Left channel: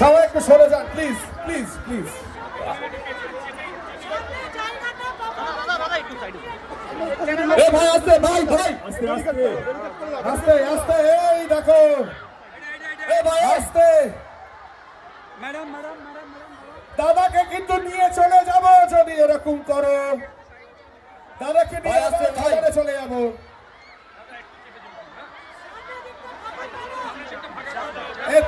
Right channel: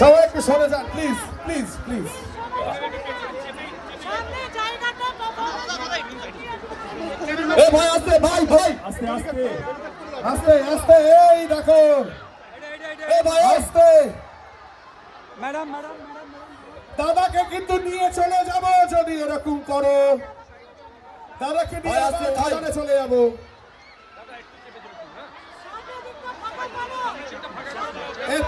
সবাই একটু সরে যান প্লিজ প্লিজ প্লিজ। ভাই আস্তে, ভাই ভাই আস্তে আস্তে আস্তে আস্তে, এই দেখো ভাই আস্তে। ম্যাডাম ম্যাডাম ম্যাডাম দাদাকে কিন্তু নিয়ে চলে যাব যদি এরকম করো, দাদাকে নিয়ে খাবারে চলে যাবো।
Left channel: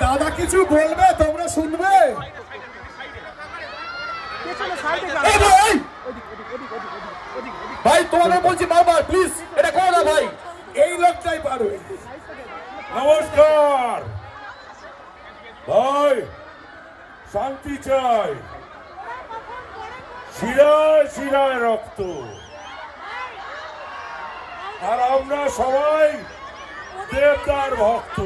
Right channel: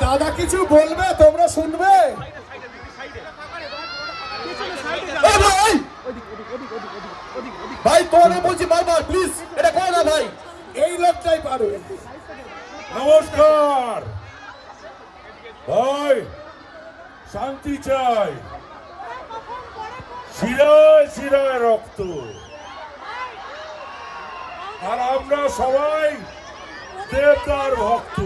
দাদা কিছু বলবে, তোমরা শুনবে। ভাই তোমাদের বলছি বারবার প্লিজ এটা করো না ভাই, এই লোকটাই পারো। নমস্কার ভাই, শান্তি চাই, শিরায় শিরায় রক্ত, আর আমরা সবাই দেবতার ভক্ত।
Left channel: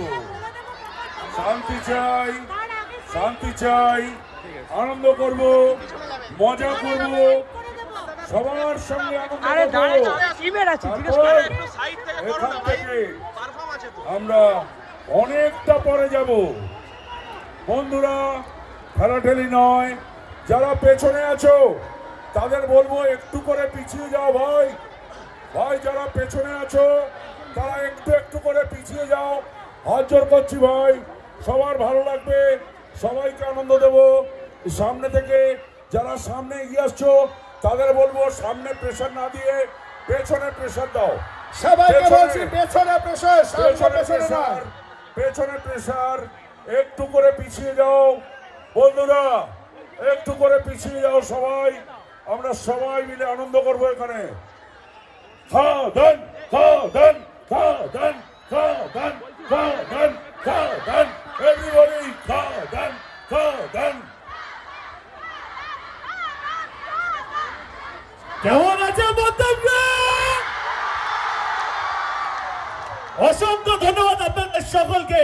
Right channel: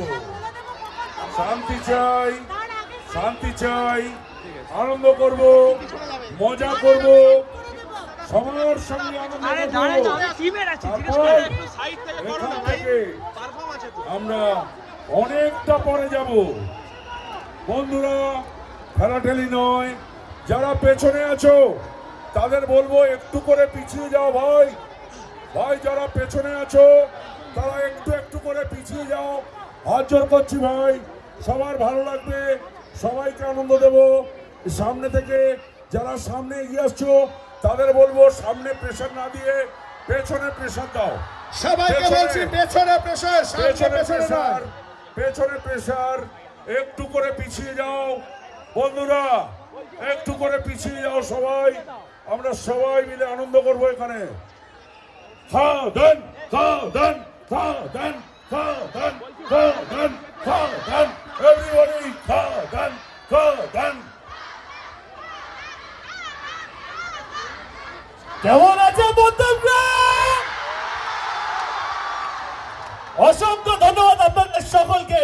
শান্তি চাই, শান্তি চাই, আনন্দ করব, মজা করব, সবার সঙ্গে আনন্দ করব। এখান থেকে আমরা অনেকটা পরে যাব। বন্ধুরা ঠেলাঠেলি নয়, যারা পেছনে আছো তাদের বলবো একটু করে পিছিয়ে যাও ভাই। ভাই যারা পেছনে আছো তারা একটু একটু করে পিছিয়ে যাও, হাত জোর করছি ভাই। সবার ভালো লাগবে, সবাইকে আনন্দ দেব। সামনে থেকে যারা সামনে এগিয়ে আসছো তাদের বলবো সামনে প্রেসার না দিয়ে পেছনে প্রেসার দাও। সবাইকে বলছি পেছনে প্রেসার, পেছনে প্রেসার, পেছনে প্রেসার। একটু করে পিছিয়ে যাও বন্ধুরা, একটু করে পিছিয়ে যাও সবাই। আমরা সবাই মিলে আনন্দ করবো এখানে। খাও দেন, খাও দেন, খাও দেন, খাও দেন, খাও দেন, খাও দেন, এভরিবডি খাও দেন, খাও দেন। কেমন আছে বন্ধুরা? অসংখ্য ধন্যবাদ আপনাদের সকলকে।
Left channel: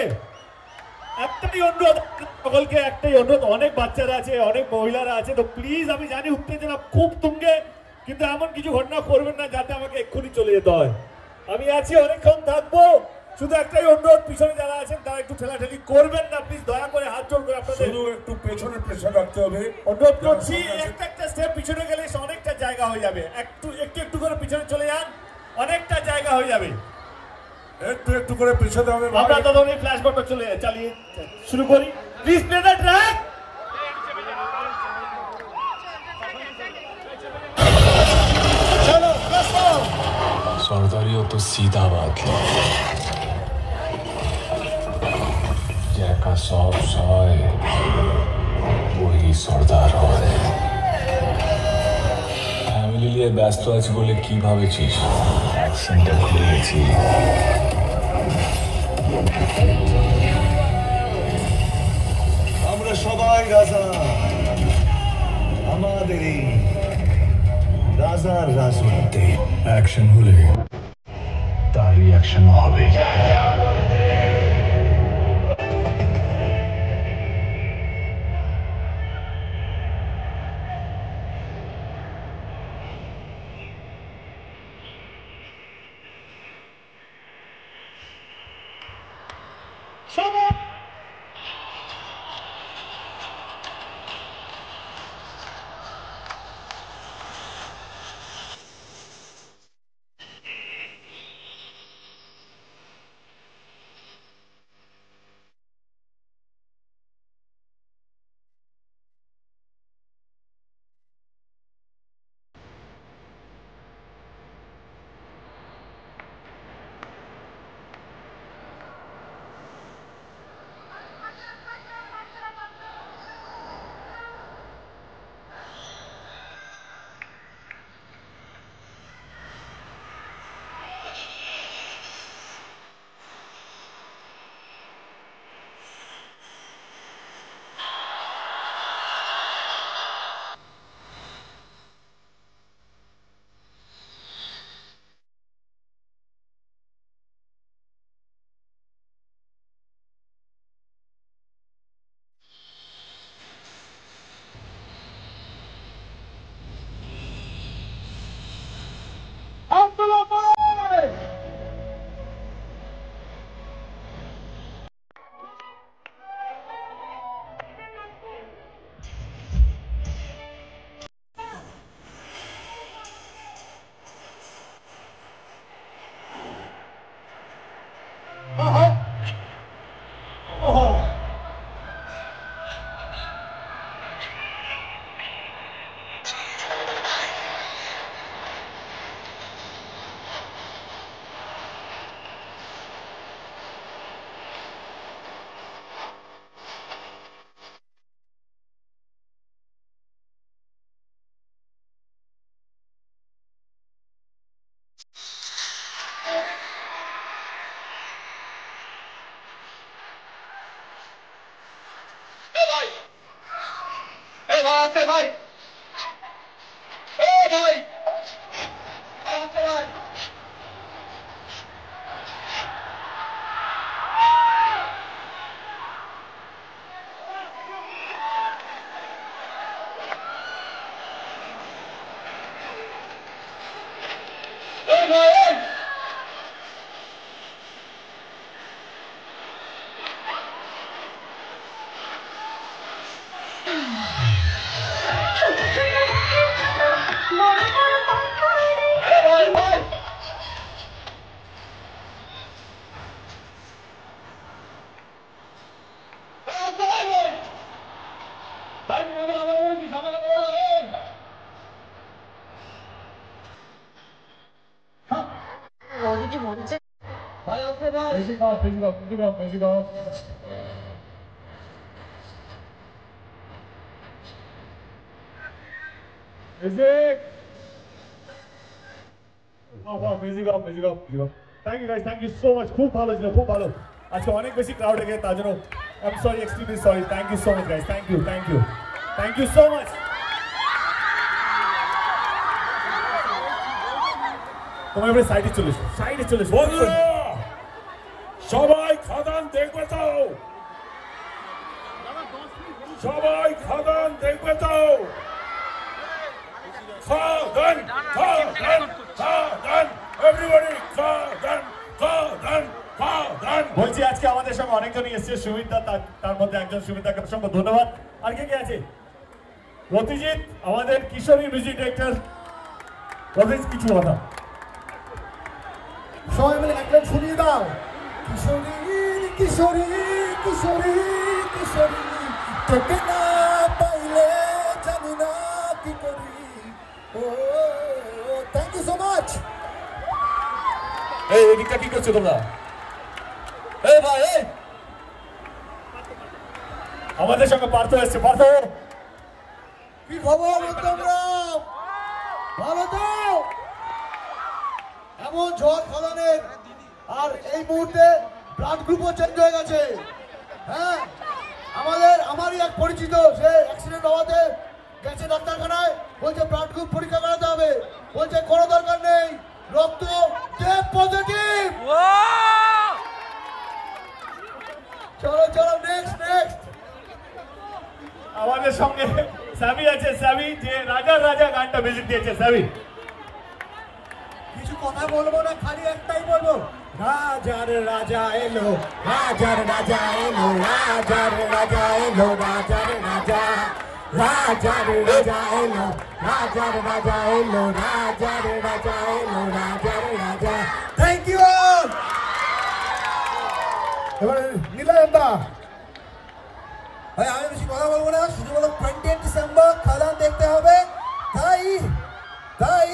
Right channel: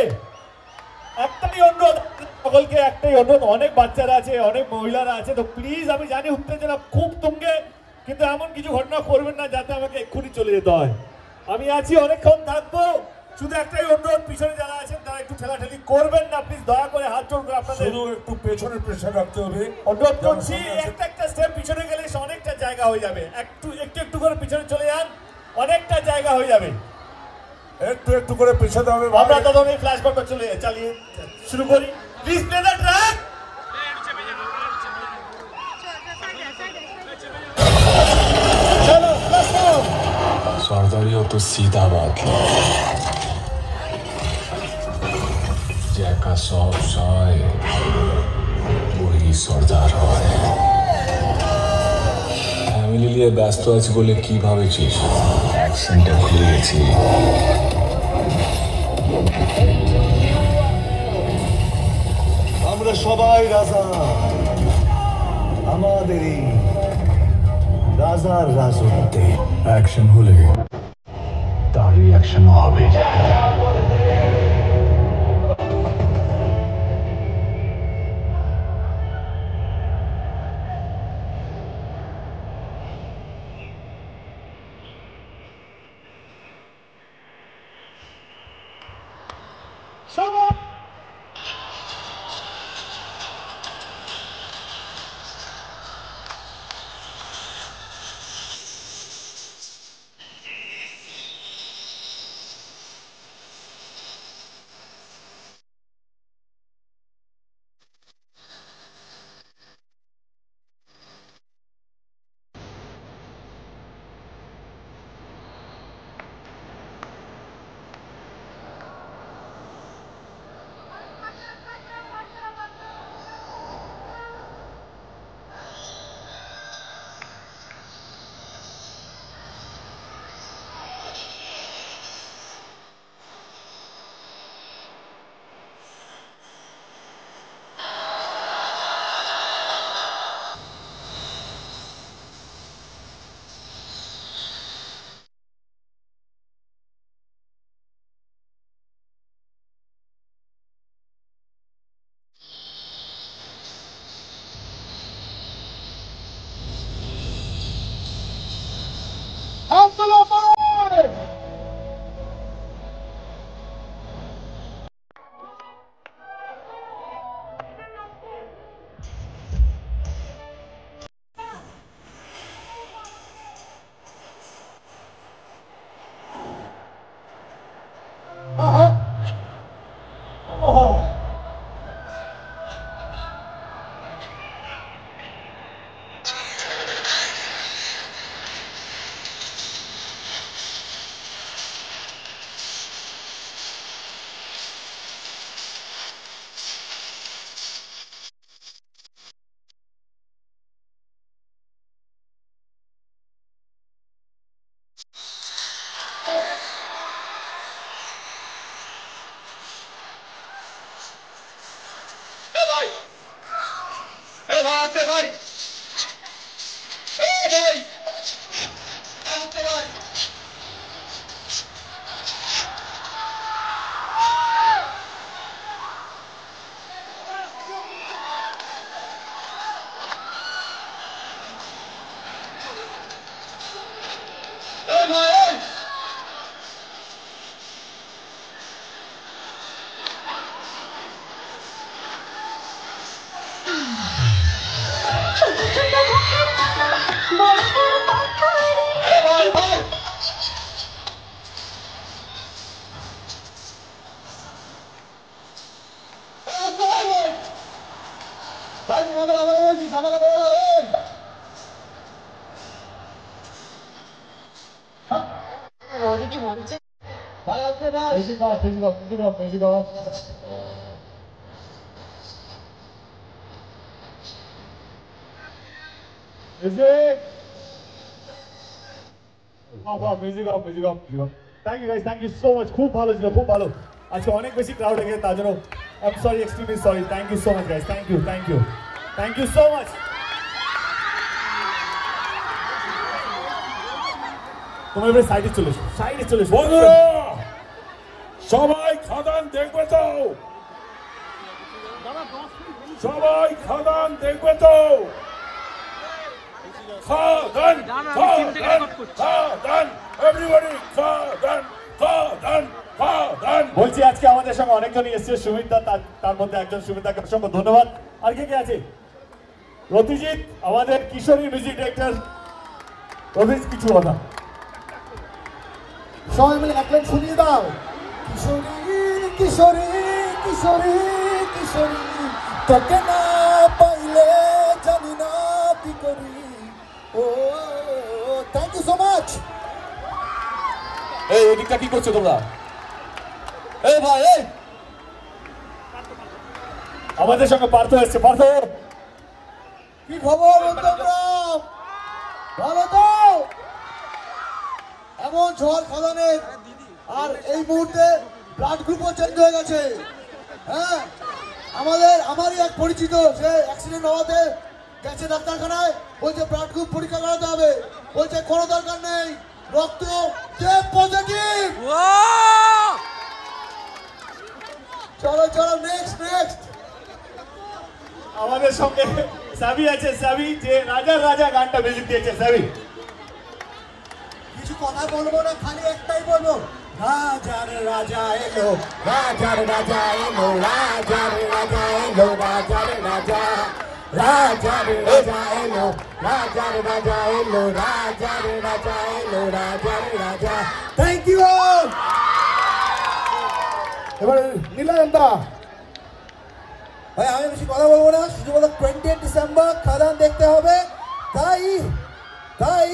একটাই অনুরোধ, সকলকে একটাই অনুরোধ, অনেক বাচ্চারা আছে, অনেক মহিলারা আছে, তো প্লিজ আমি জানি উত্তেজনা খুব তুঙ্গে, কিন্তু এমন কিছু ঘটনা করবেন না যাতে আমাকে এক্ষুনি চলে যেতে হয়। আমি আছি, অনেকক্ষণ থাকবো। শুধু একটাই অনুরোধ, পিছনে যারা আছেন তারা একটু ঠেলাঠেলি করবেন না প্লিজ, দয়া করে হাত জোড় করে আপনাদের একটু পেছনে প্রেসার রাখতে হবে। অনুরোধ করছি, একটা একটা স্টেপ পিছনে গেলে অনেকটা জায়গা হয়ে যাবে। একটু একটু একটু করে পিছনে চলে যান, অনেকটা জায়গা হয়ে যাবে। একটু একটু করে পিছাতে হবে। আমরা তখন এই ফ্ল্যাশ বলটা চালিয়ে শুরু করি। Please play the track. सरदारियों तो सीधा बात है, जैका सौंप सॉय वही সর্দার হয়। ফ্যামিলি নিয়ে ব্যস্ত আছি বলে কি ভাবেছিস? অ্যাকশনটা ভুলে গেছি। আমরা সবাই রাজা, আমাদের এই রাজার রাজত্বে অ্যাকশন হলে তার রিঅ্যাকশন হবে। আছে ভাই এই ভাই আছে ভাই এই ভাই Thank you guys, thank you so much. খুব ভালো ছিল, খুব ভালো। আজকে অনেক বেশি ক্রাউড হয়ে গেছে, তার জন্য I'm sorry, extremely sorry. Thank you so much guys. Thank you, thank you. Thank you so much. তোমরা এবারে সাইডে চলে এসো, সাইডে চলে এসো। বন্ধুরা সবাই খাদান দেখবে তো, সবাই খাদান দেখবে তো, খাদান খাদান খাদান এভরিবডি খাদান খাদান খাদান। বলছি আজকে আমাদের সঙ্গে অনেকজনই এসেছে, সুমিতা তার মধ্যে একজন, সুমিতাকে অসংখ্য ধন্যবাদ। আর কে কে আছে? রতিজিৎ আমাদের কিশোরী মিউজিক ডিরেক্টর। রতিজিৎ কিছু কথা সবাই মিলে এক লাইন শুনিয়ে দাও। কিশোরী কিশোরী কিশোরী কিশোরী তোকে না পাইলে জানি না কি করি। ও থ্যাংক ইউ সো মাচ। এই এদিকটা কি করছো তোমরা? এই ভাই এই আমাদের সঙ্গে পার্থ এসছে। পার্থ কি খবর তোমরা? ভালো তো? এমন ঝড় খাদানের, আর এই মুহূর্তে ব্লাড গ্রুপও চেঞ্জ হয়ে গেছে। হ্যাঁ, আমারই এক পরিচিত, সে অ্যাক্সিডেন্ট হওয়াতে গেছে ডাক্তারখানায়, বলছে ব্লাড গ্রুপ পরীক্ষা করাতে হবে, বলছে কোনো দরকার নেই, রক্ত পজিটিভ। চলো চলো নেক্সট নেক্সট। আমাদের সঙ্গে সাবি আছে, সাবি যে রাজা রাজা গানটা মিউজিক দিয়েছে। সাবি কিছু কথা বলবো না, খালি একটাই বলবো, রাজার রাজা এলো, রাজার রাজা এলো, রাজার রাজা এলো, রাজার রাজা, রাজার রাজা এলো, রাজার রাজা এলো, রাজার রাজা এলো, রাজার রাজা। Thank you. এবারে নীলানন্দা ভাই, আমি বেশি কথা বলবো না, শুধু বলো 20 ডিসেম্বর খাদান দেখতে হবে। তাই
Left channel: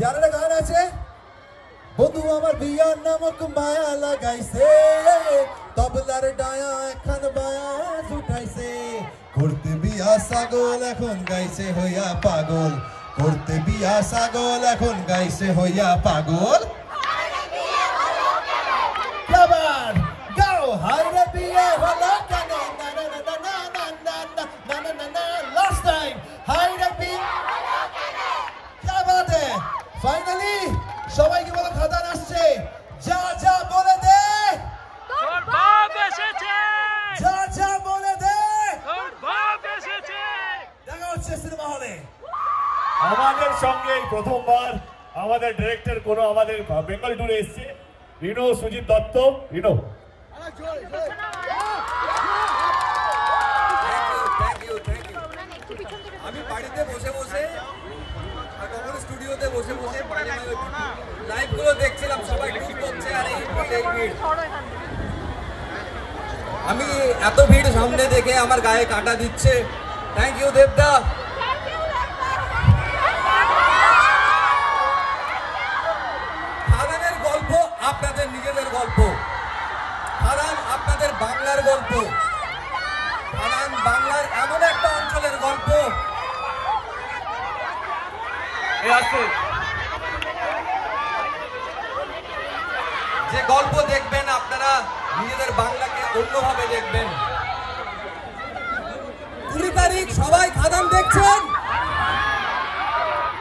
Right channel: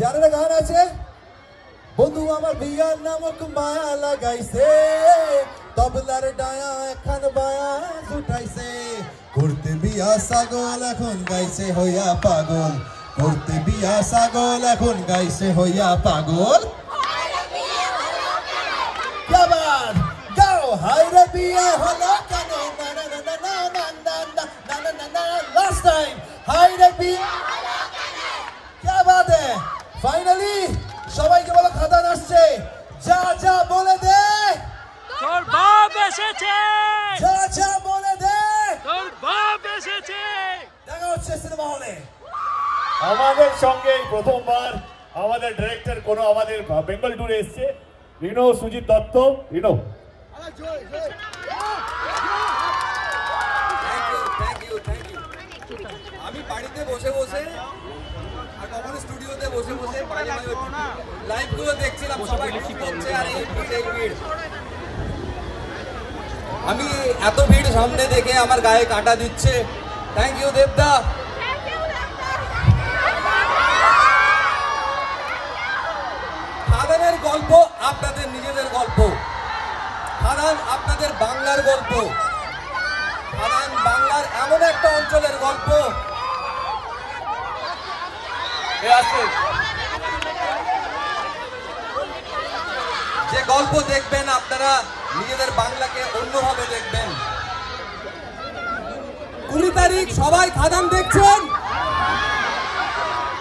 যারা গান আছে, বন্ধু আমার বিয়ার নামক মায়া লাগাইছে, তবলার ডায়া এখন বায়াস উঠাইছে, করতে বিয়া ছাগল এখন গাইছে হইয়া পাগল, করতে বিয়া ছাগল এখন গাইছে হইয়া পাগল। গাও হায়রে বিয়া হলো কেন, লাস্ট টাইম হায়রে বিয়া ফাইনালি সবাইকে বলো খাদান আসছে, যা যা বলে দে তোর বাপ এসেছে, যা যা বলে দে তোর বাপ এসেছে। দেখা হচ্ছে সিনেমা হলে। আমাদের সঙ্গে প্রথমবার আমাদের ডিরেক্টর কোনো আমাদের বেঙ্গল ট্যুরে এসছে, রিনো সুজিত দত্ত। রিনো আমি বাড়িতে বসে বসে আর কখনো স্টুডিওতে বসে বসে মাঝে মাঝে লাইভ গুলো দেখছিলাম, সবাই গ্রুপ করছে আর এই ভিড়। আমি এত ভিড় সামনে দেখে আমার গায়ে কাঁটা দিচ্ছে। থ্যাংক ইউ দেবদা। খাদানের গল্প আপনাদের নিজেদের গল্প, খাদান আপনাদের বাংলার গল্প, খাদান বাংলার এমন একটা অঞ্চলের গল্প যে গল্প দেখবেন আপনারা নিজেদের বাংলাকে অন্যভাবে দেখবেন। 20 তারিখ সবাই খাদান দেখছেন।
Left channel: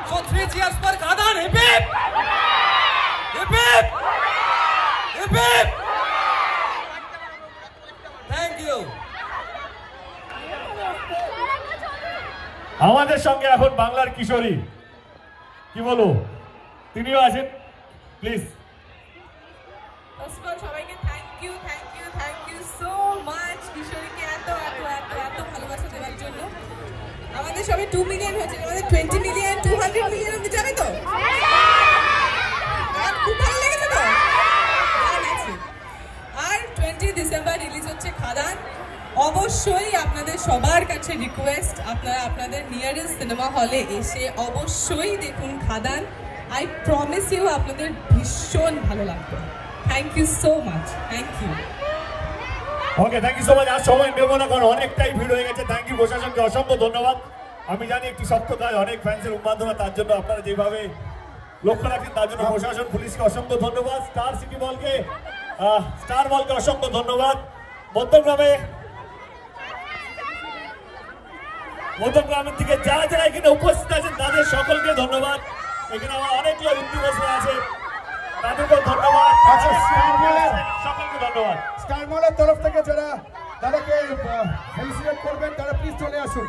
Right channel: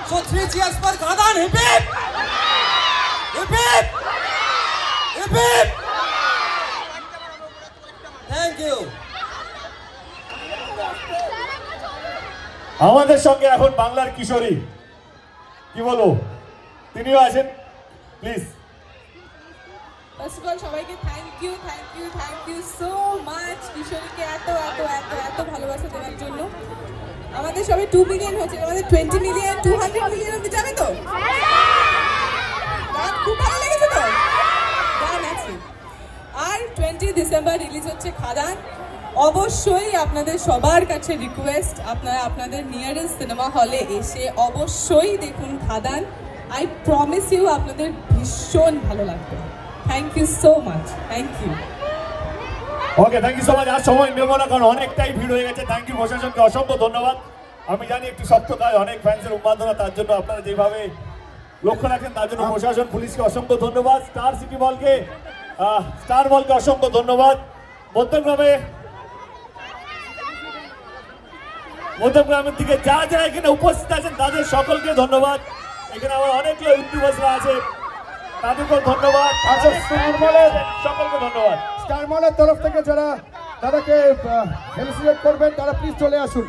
So 3 cheers for খাদান। Hip hip hip hip hip hip. Thank you. আমাদের সঙ্গে এখন বাংলার কিশোরী, কি বলো, তিনিও আছেন, প্লিজ। ফার্স্ট অফ অল সবাইকে থ্যাংক ইউ সো মাচ কিশোরীকে এত এত এত এত ভালোবাসা দেওয়ার জন্য। আমাদের সবাই 2 মিলিয়ন হয়েছে, আমাদের 20 মিলিয়ন 200 মিলিয়ন অব্দি যাবে তো? খুব ভালো লেগেছে তো? গান আছে। আর 20 ডিসেম্বর রিলিজ হচ্ছে খাদান। অবশ্যই আপনাদের সবার কাছে রিকোয়েস্ট, আপনারা আপনাদের নিয়ারেস্ট সিনেমা হলে এসে অবশ্যই দেখুন খাদান। আই প্রমিস ইউ আপনাদের ভীষণ ভালো লাগবে। Thank you so much. Thank you. Okay, thank you so much. আর সময় নেব না কারণ অনেকটাই ভিড় হয়ে গেছে। থ্যাংক ইউ প্রশাসনকে অসংখ্য ধন্যবাদ। আমি জানি একটি সপ্তাহে অনেক ফ্যান্সের উন্মাদনা, তার জন্য আপনারা যেভাবে লক্ষ্য রাখেন তার জন্য প্রশাসন পুলিশকে অসংখ্য ধন্যবাদ। স্টার মলকে অসংখ্য ধন্যবাদ। মধ্যগ্রামের থেকে যা যা এখানে উপস্থিত আছেন তাদের সকলকে ধন্যবাদ। এখানে আমার অনেক লোক ইউটিউবার্সরা আছে, তাদেরকেও ধন্যবাদ। সকলকে ধন্যবাদ। স্টার মলের তরফ থেকে যারা তাদেরকে ফেলিসিটেট করবেন তারা প্লিজ চলে আসুন।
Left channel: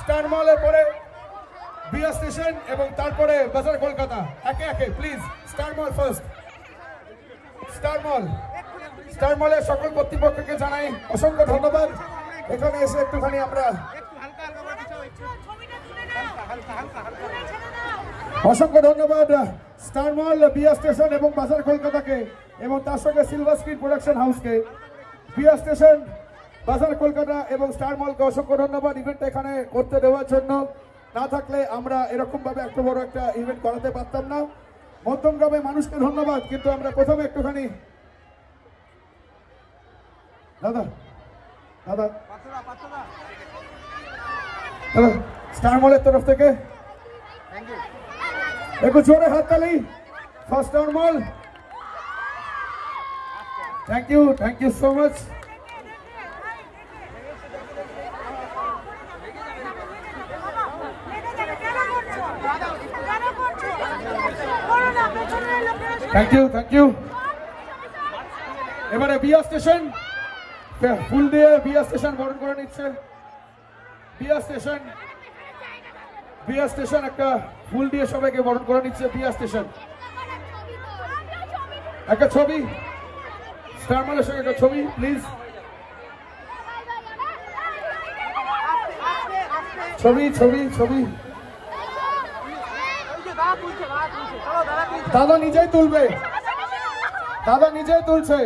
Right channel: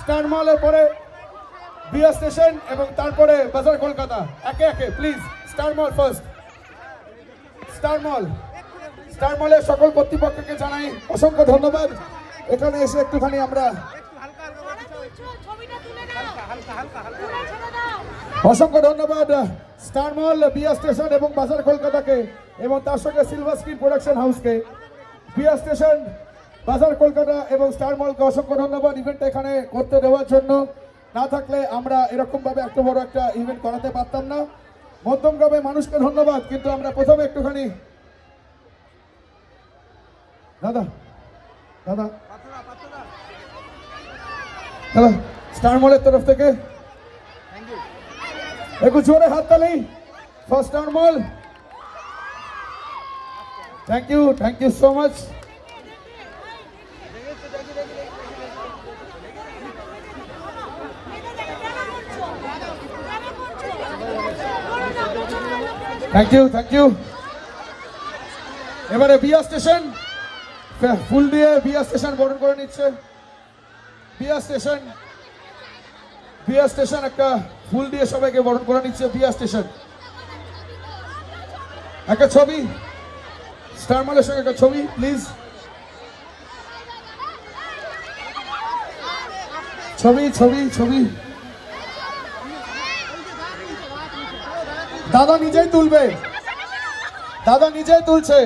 স্টার মলের পরে বিআর স্টেশন এবং তারপরে বাজার কলকাতা, একে একে please. Star mall first. Star মলের সকল কর্তৃপক্ষকে জানাই অসংখ্য ধন্যবাদ। এখানে এসে একটুখানি আমরা অসংখ্য ধন্যবাদ স্টার মল, বিআর স্টেশন এবং বাজার কলকাতাকে এবং তার সঙ্গে সিলভার স্ক্রিন প্রোডাকশন হাউসকে। বিআর স্টেশন, বাজার কলকাতা এবং স্টার মলকে অসংখ্য ধন্যবাদ ইভেন্টটা এখানে করতে দেওয়ার জন্য। না থাকলে আমরা এরকম ভাবে এত বড় একটা ইভেন্ট করাতে পারতাম না। মধ্যমগ্রামে মানুষকে ধন্যবাদ। কিন্তু আমরা প্রথমে একটুখানি দাদা স্টার মলের তরফ থেকে একটু জোরে হাততালি for Star Mall. Thank you so much. Thank you. এবারে বিআর স্টেশন ফুল দিয়ে বিআর স্টেশন বরণ করে নিচ্ছে। বিআর স্টেশন একটা ফুল দিয়ে সবাইকে বরণ করে নিচ্ছে। বিআর স্টেশন একটা ছবি, স্টার মলের সঙ্গে একটা ছবি প্লিজ। ছবি দাদা নিজেই তুলবে, দাদা নিজেই তুলছে।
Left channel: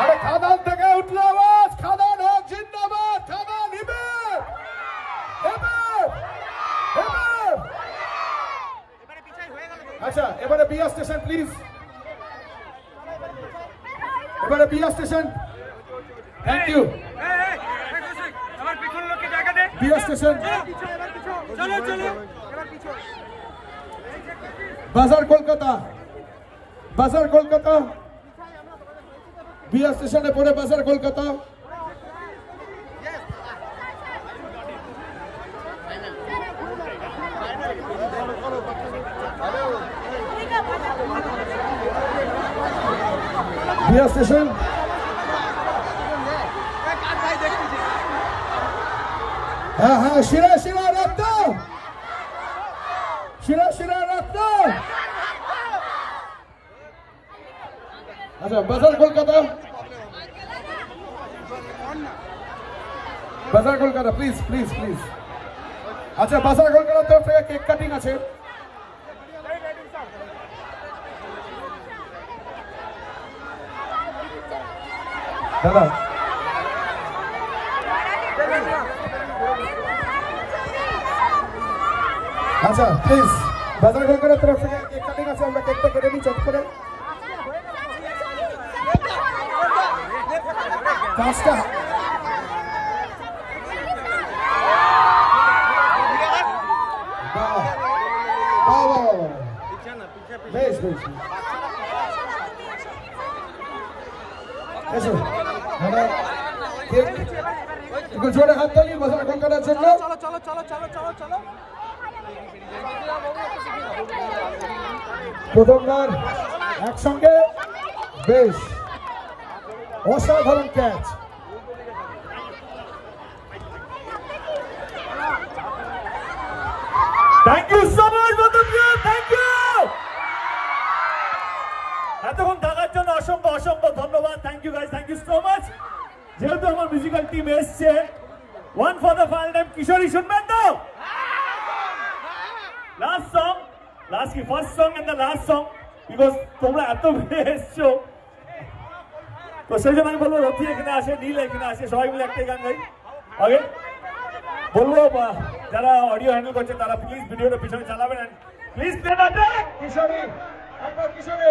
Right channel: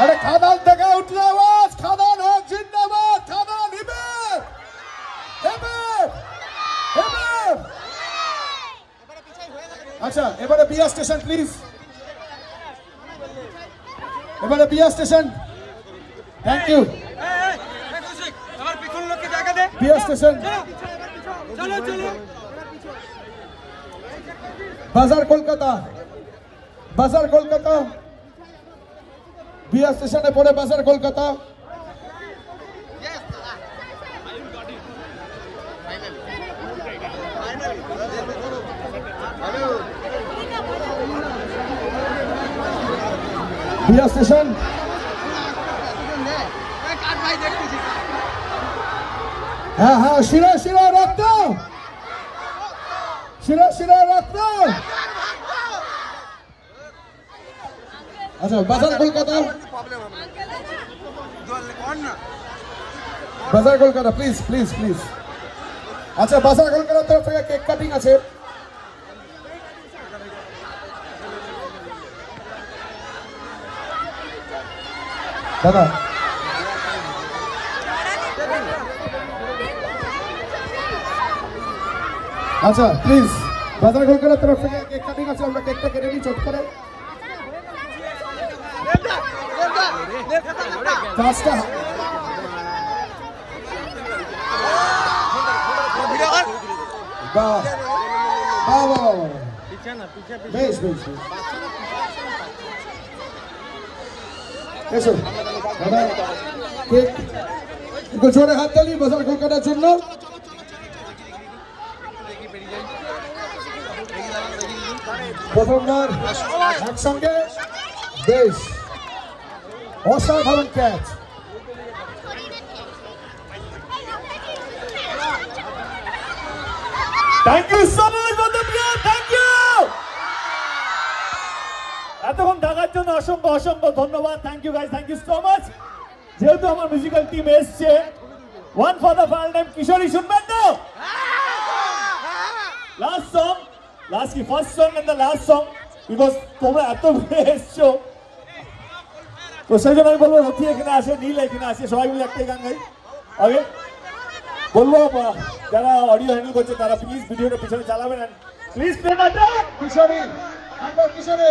আরে খাদান থেকে উঠলে আওয়াজ, খাদান হোক জিন্দাবাদ, খাদান হিবেব হিবেব হিবেব। আচ্ছা এবারে বিআর স্টেশন প্লিজ। এবারে BR station. Thank you. BR station, বাজার কলকাতা বিআর স্টেশনে পরে বাজার কলকাতা। বিআর স্টেশন, হ্যাঁ শিরা রক্ত, শিরা রক্ত। আচ্ছা বাজার কলকাতা প্লিজ। আচ্ছা বাজার কলকাতার তরফ থেকে কেক কাটিং আছে। দাদা আচ্ছা প্লিজ, বাজার কলকাতার তরফ থেকে কেক কাটিং আছে, আমরা কেকটা কেটে নিই চট করে। পাঁচটা এসো একটু জোরে হাততালি মশাল কেক কাটার জন্য। প্রথমবার একসঙ্গে বেশ অসাধারণ catch. Thank you so much বন্ধুরা, থ্যাংক ইউ। এতক্ষণ থাকার জন্য অসংখ্য অসংখ্য ধন্যবাদ। Thank you guys, thank you so much. যেহেতু আমার মিউজিক্যাল টিম এসছে, one for the final time Kishori শুনবেন তো? লাস্ট সং, লাস্ট কি first song and the last song, because তোমরা এত এসছো তো সেই জন্য আমি বলবো রথি এখানে আসে, নীল এখানে আসে, সবাই মিলে একটাই গান গাই। ওকে, বলবো যারা অডিও হ্যান্ডেল করছে তারা প্লিজ ভিডিওটা পিছনে চালাবেন, প্লিজ প্লে দ্য ট্র্যাক। কিশোরী একবার কিশোরী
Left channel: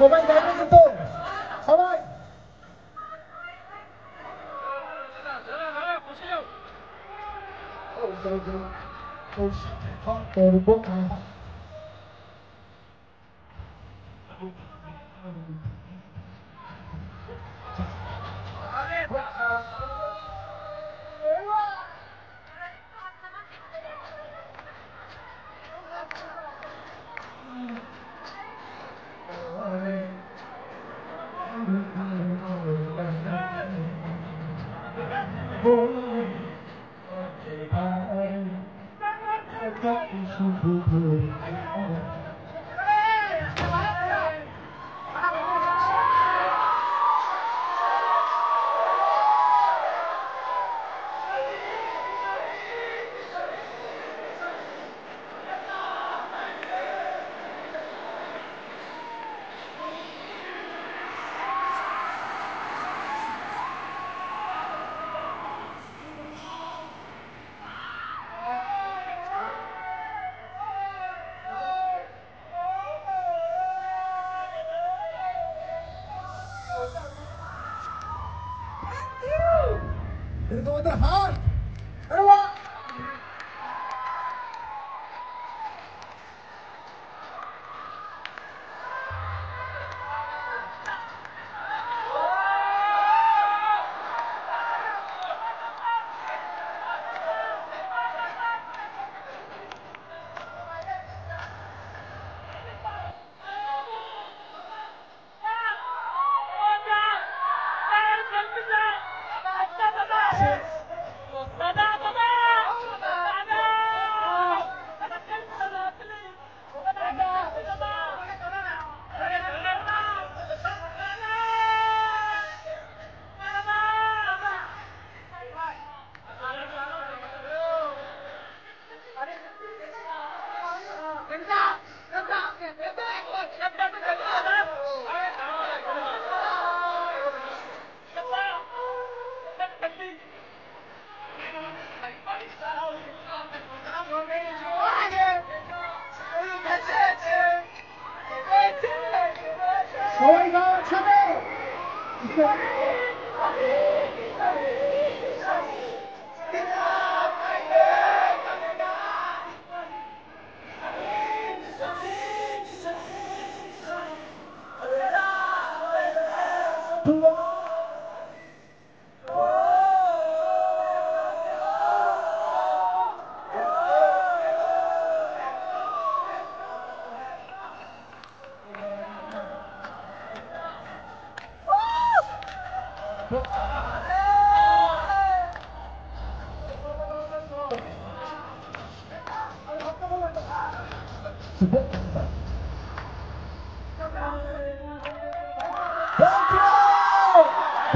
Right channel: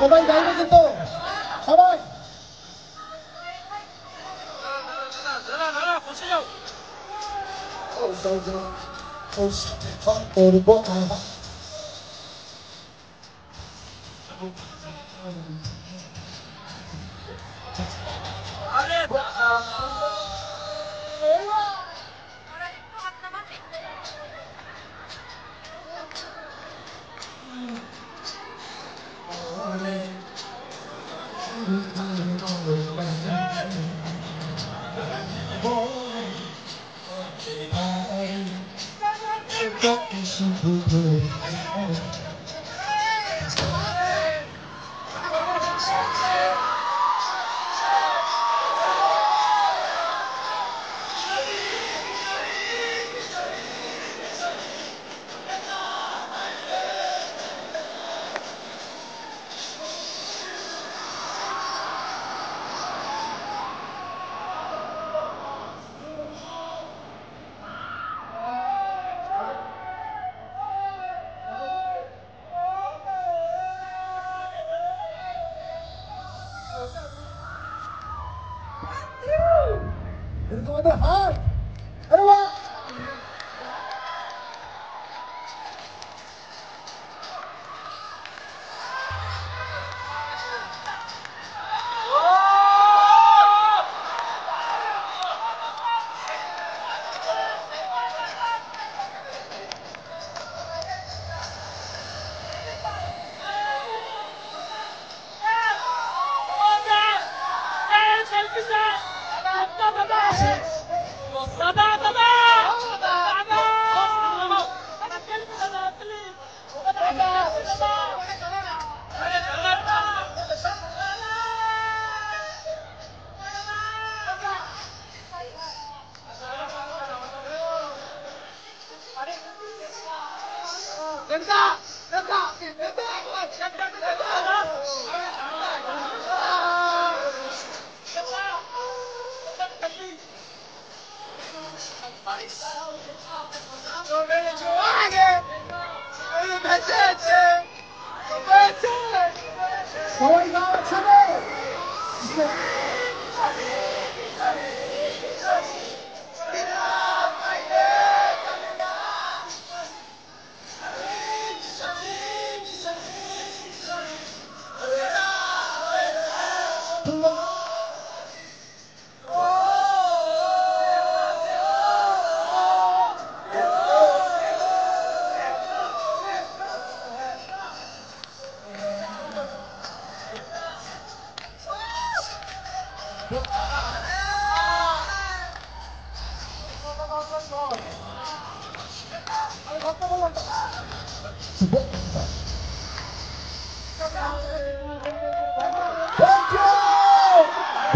সবাই গান কিন্তু সবাই করবো। তোমাদের হাত আরে বাহ সবাই গাওয়া ছিল।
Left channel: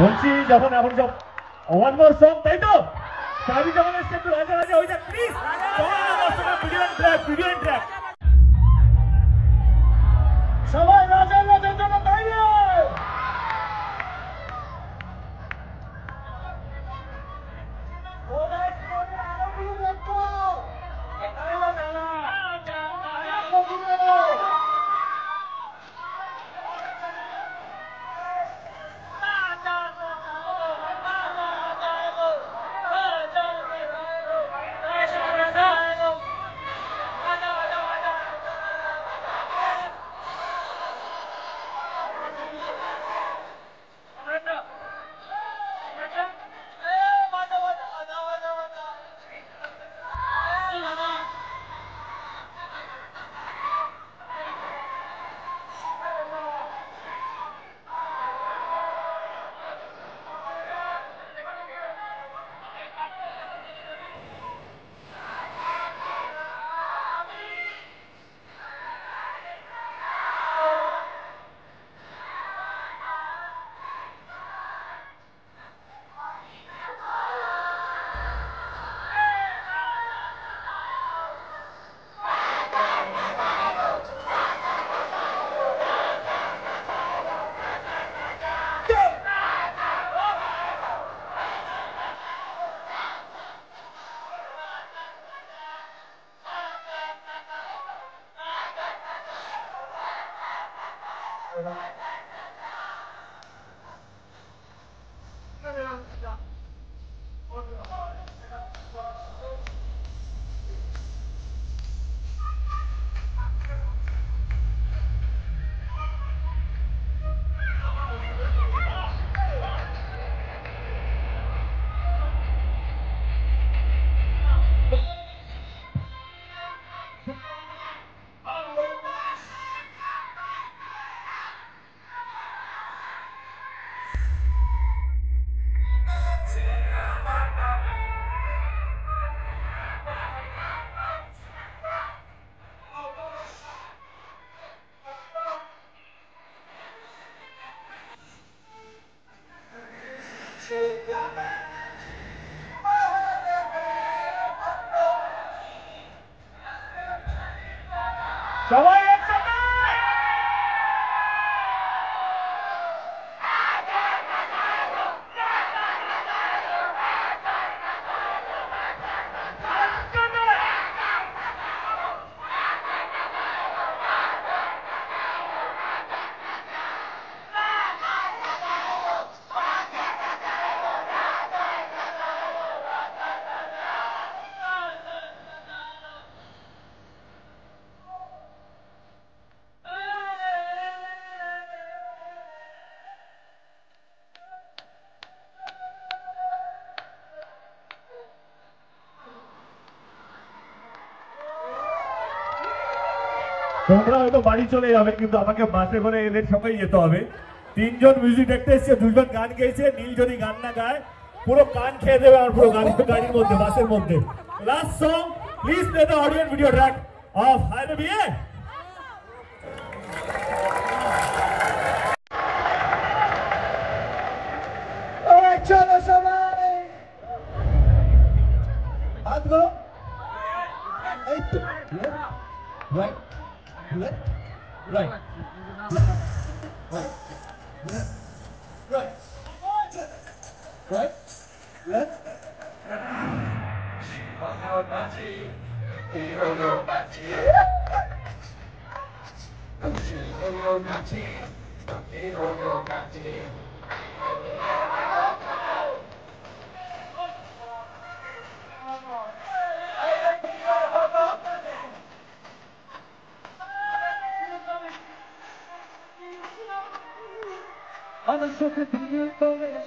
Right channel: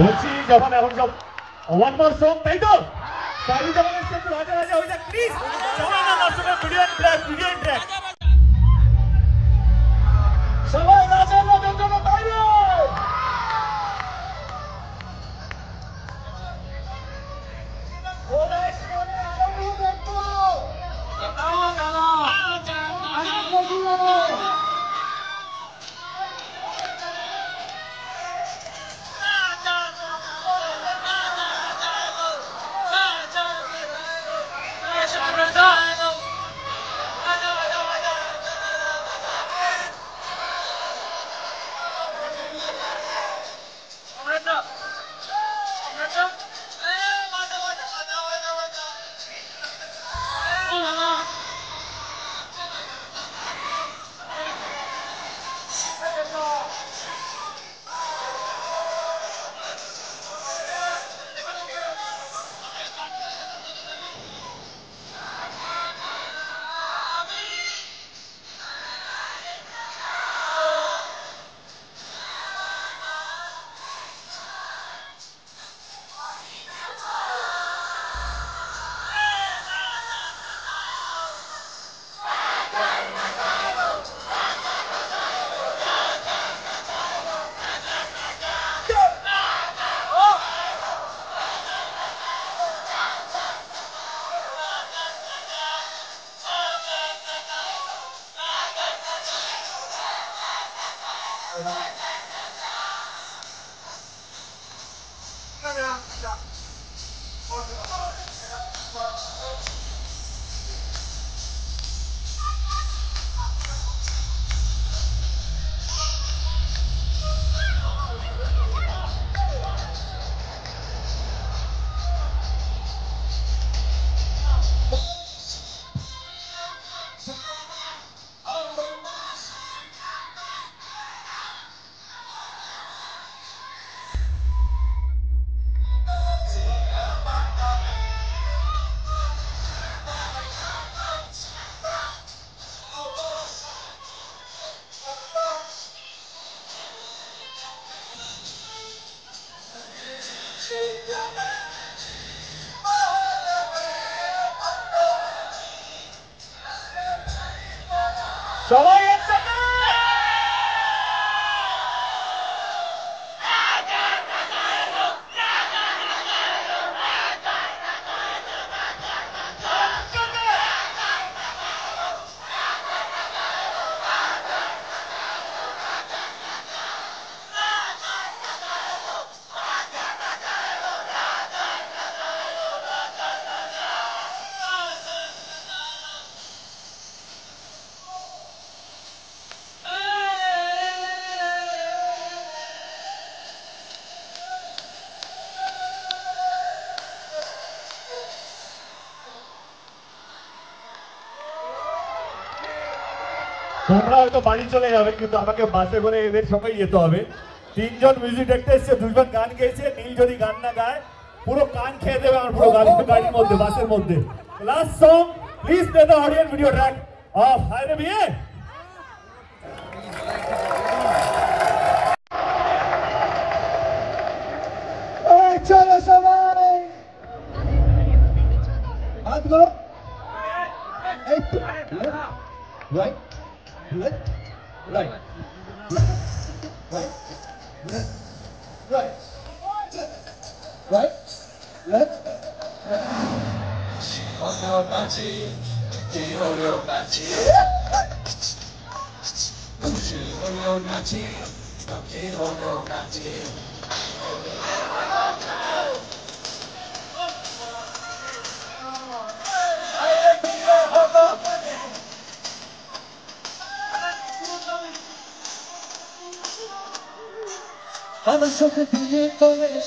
বলছি যখন এখন সব ওয়ান মোর সং, তাই তো সবাই যখন এসে একটু রাজা রাজা হয়ে যায় please. Video track, video track সবাই রাজার মতো জন্য বাইরে। সবাই একসাথে তোমরা হয়তো বাড়ি চলে যাবে, কিন্তু আমাকে বাসে করে এদের সঙ্গেই যেতে হবে। তিনজন মিউজিক দেখতে এসছে, দুইজন গান গেয়েছে। নীল যদি গান না গায় পুরো কান খেয়ে দেবে আমার পুরো গাড়ির মধ্যে, বাসের মধ্যে। Last song, please play the audience video track of হায়রে বিয়ে। চলো সবাই হাতগুলো এই তো right left, right, right, right, left. I'm a sucker for you, for it.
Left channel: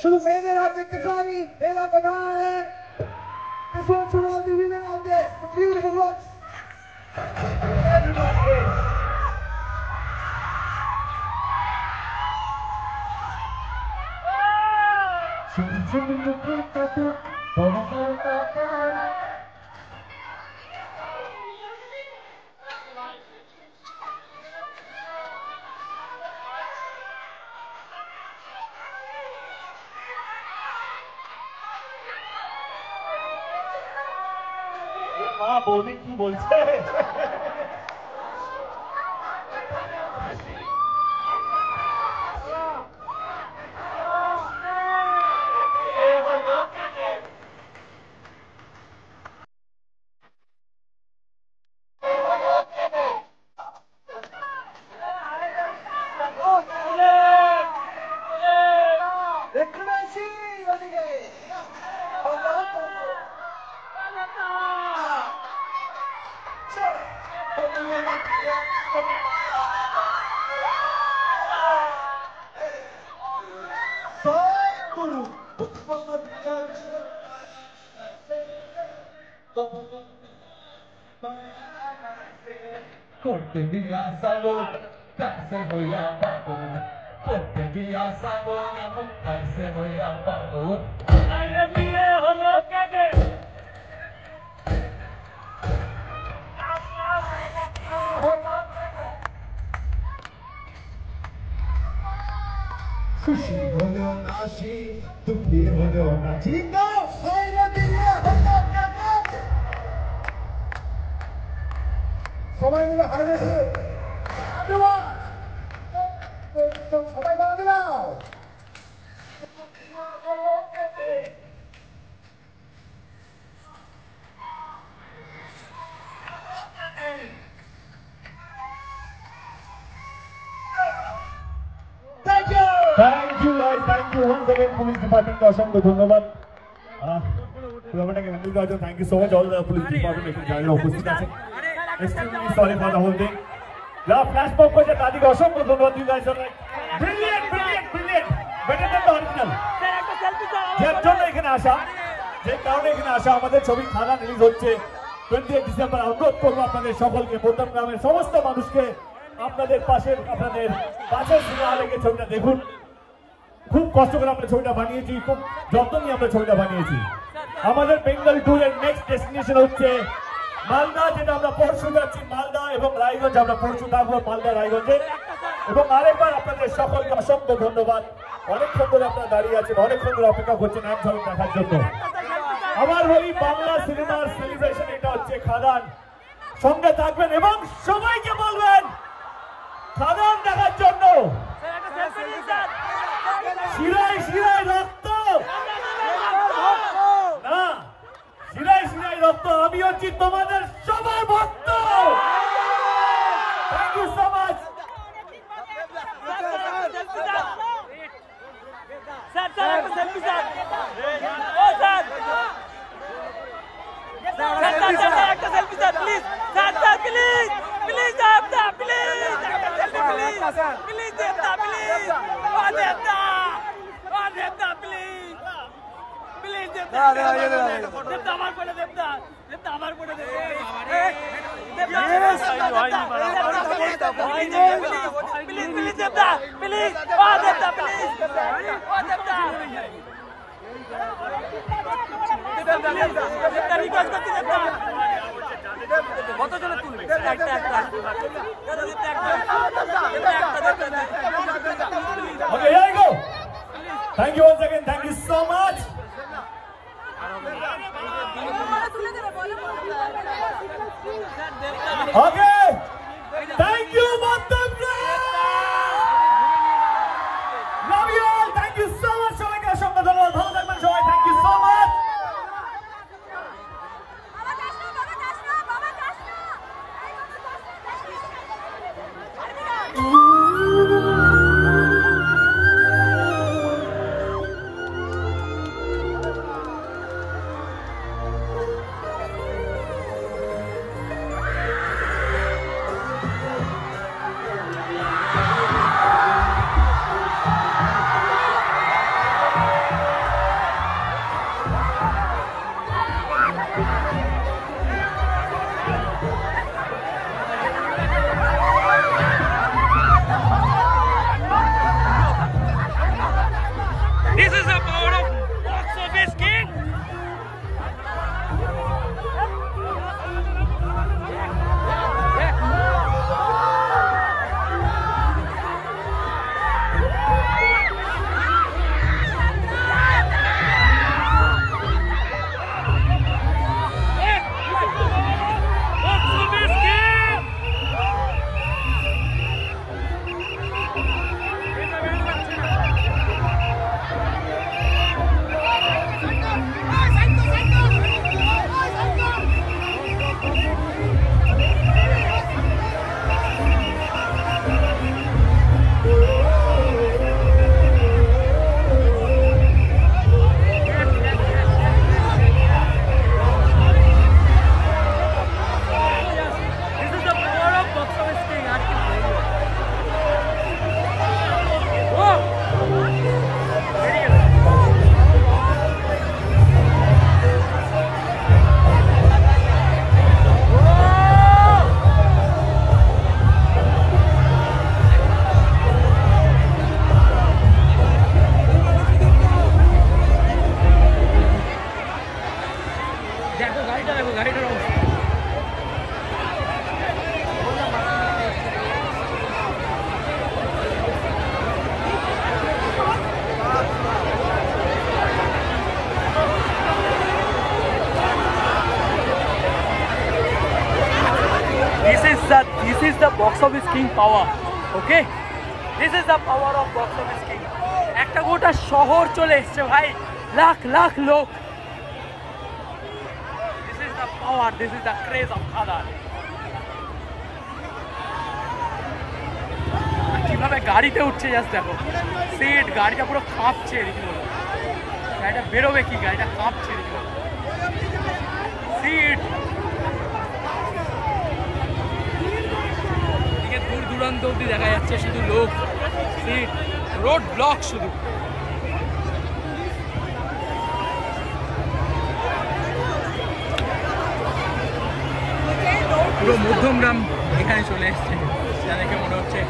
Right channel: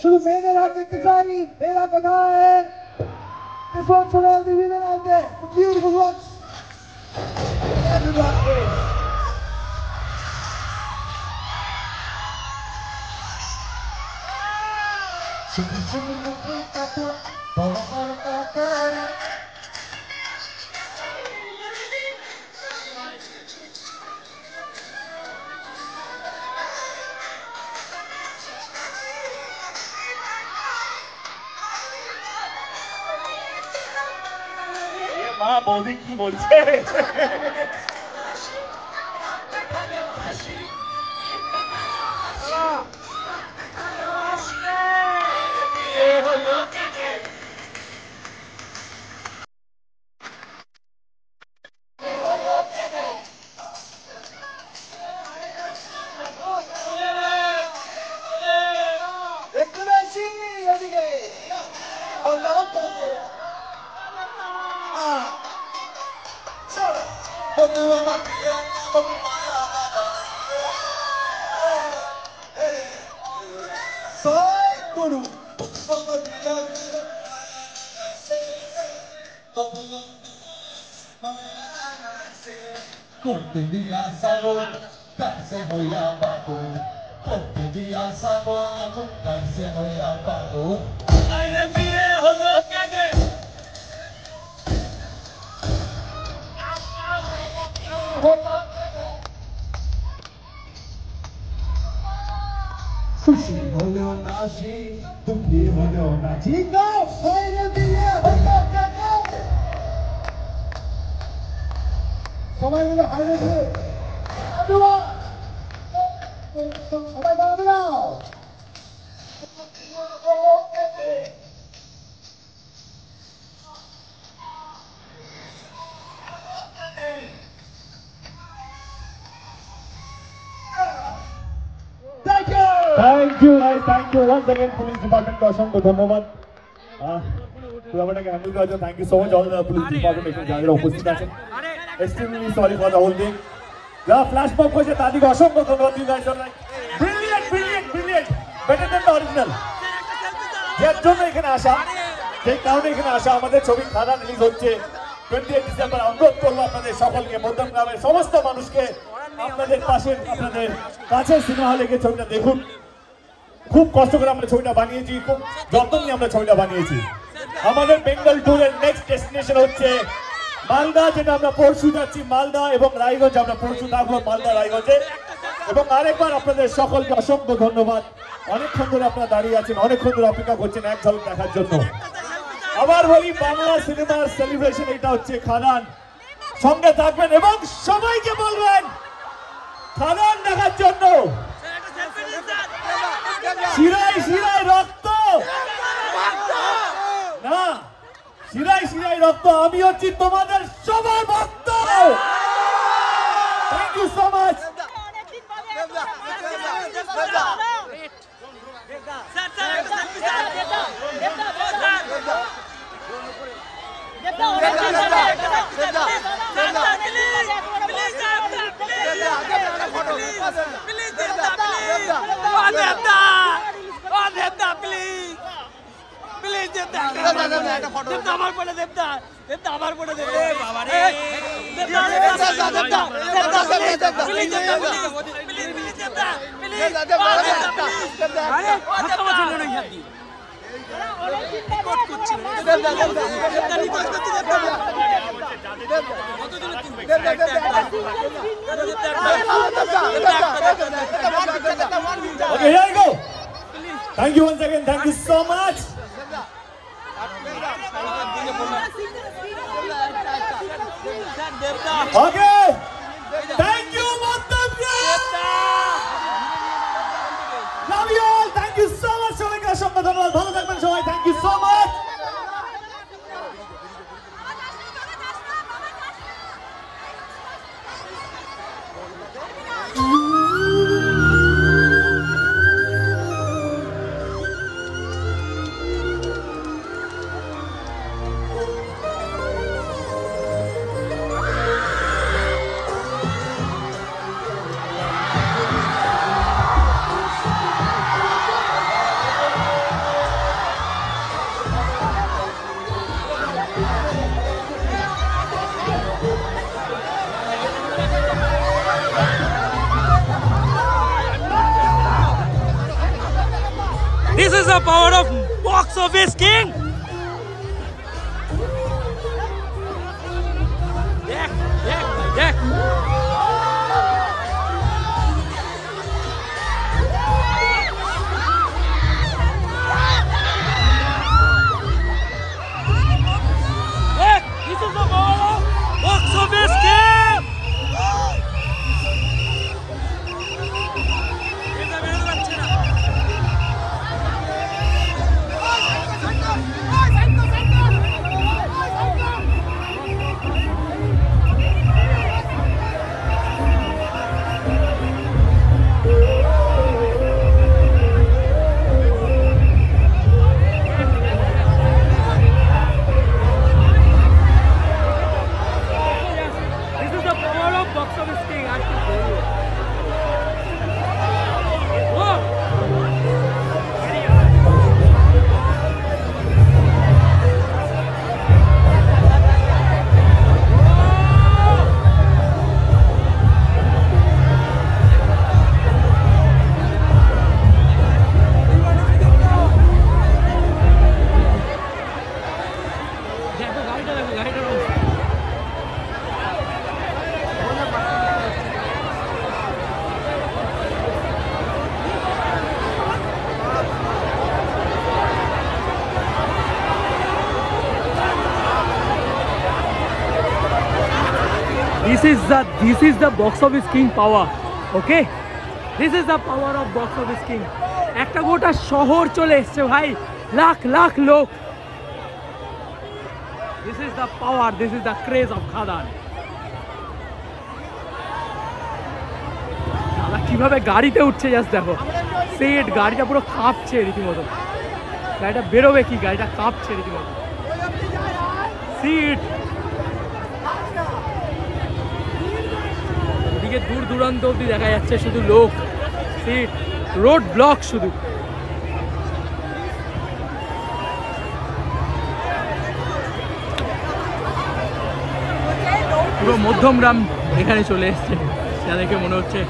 শুধু মেয়েদের হাত দেখতে চাইনি, এই হাত দেখায় This one's for all the women out there, the beautiful ones. Everybody. মা বৌদি কি বলছে? Corte via salvo, pase voy abajo. করতে বিয়া সাবো কাইসে হইয়া পাবো আরে বিয়ে হলো কাকে খুশি হলো না সে দুঃখী হলো না ঠিক না বাইরে দিয়ে হলো কাকে সবাই মিলে হারে সবাই বাড়াবে নাও Thank you once again, police department को असंख्य धन्यवाद। पुरावाटाকে হ্যান্ডেল করার জন্য thank you so much all the police department এখানে যারা উপস্থিত আছেন। Extremely sorry for the whole thing. যারা ফ্ল্যাশ মব করেছে তাদেরকে অসংখ্য ধন্যবাদ দিতে চাই। Brilliant better than the original. যে জন্য এখানে আসা, যে কারণে এখানে আসা, আমাদের ছবি খারাপ রিলিজ হচ্ছে 28 ডিসেম্বর। অবগত করবো আপনাদের সকলকে, বদন গ্রামের সমস্ত মানুষকে আপনাদের পাশে আপনাদের কাছে সিনেমা হলে গিয়ে ছবিটা দেখুন। খুব কষ্ট করে আমরা ছবিটা বানিয়েছি, খুব যত্ন নিয়ে আমরা ছবিটা বানিয়েছি। আমাদের বেঙ্গল ট্যুরের নেক্সট ডেস্টিনেশন হচ্ছে মালদা, যেটা আমরা পরশু যাচ্ছি মালদা, এবং রায়গঞ্জ আমরা পরশু থাকবো মালদা রায়গঞ্জে। এবং আরেকবার আপনাদের সকলকে অসংখ্য ধন্যবাদ। অনেকক্ষণ ধরে আপনারা দাঁড়িয়ে আছেন, অনেকক্ষণ ধরে অপেক্ষা করছেন এক ঝলক দেখার জন্য। আবার বলি, বাংলা সিনেমার সেলিব্রেশন এটা হচ্ছে খাদান। সঙ্গে থাকবেন এবং সবাইকে বলবেন খাদান দেখার জন্য। শিরায় শিরায় রক্ত না, শিরায় শিরায় রক্ত। আমি হচ্ছি তোমাদের সবার ভক্ত। Thank you so much. Okay, here we go. Thank you once again. Thank you so much. Okay. Thank you, Matandra. Love you all. Thank you so much. সবাইকে অসংখ্য ধন্যবাদ। ভালো থাকবেন সবাই। Thank you so much. This is the power of box office king. This is the power of box office king. এটা বেরোতে পারছে না। This is the box office king power. Okay? This is the power of box office king. একটা গোটা শহর চলে এসছে ভাই, লাখ লাখ লোক। This is the power, this is the craze of Khadan. কিভাবে গাড়িতে উঠছে জাস্ট দেখো, সেট গাড়িটা পুরো কাঁপছে রীতিমতো। গাড়িটা বেরোবে কি, গাড়িটা কাঁপছে রীতিমতো। সিট এদিকে দূর দূরান্ত অব্দি দেখা যাচ্ছে শুধু লোক, সিট, রোড ব্লক শুধু। পুরো মধ্যমগ্রাম এখানে চলে এসছে, সেটা দেখে মনে হচ্ছে।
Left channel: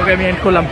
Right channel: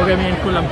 ওকে, আমি এন্ড করলাম।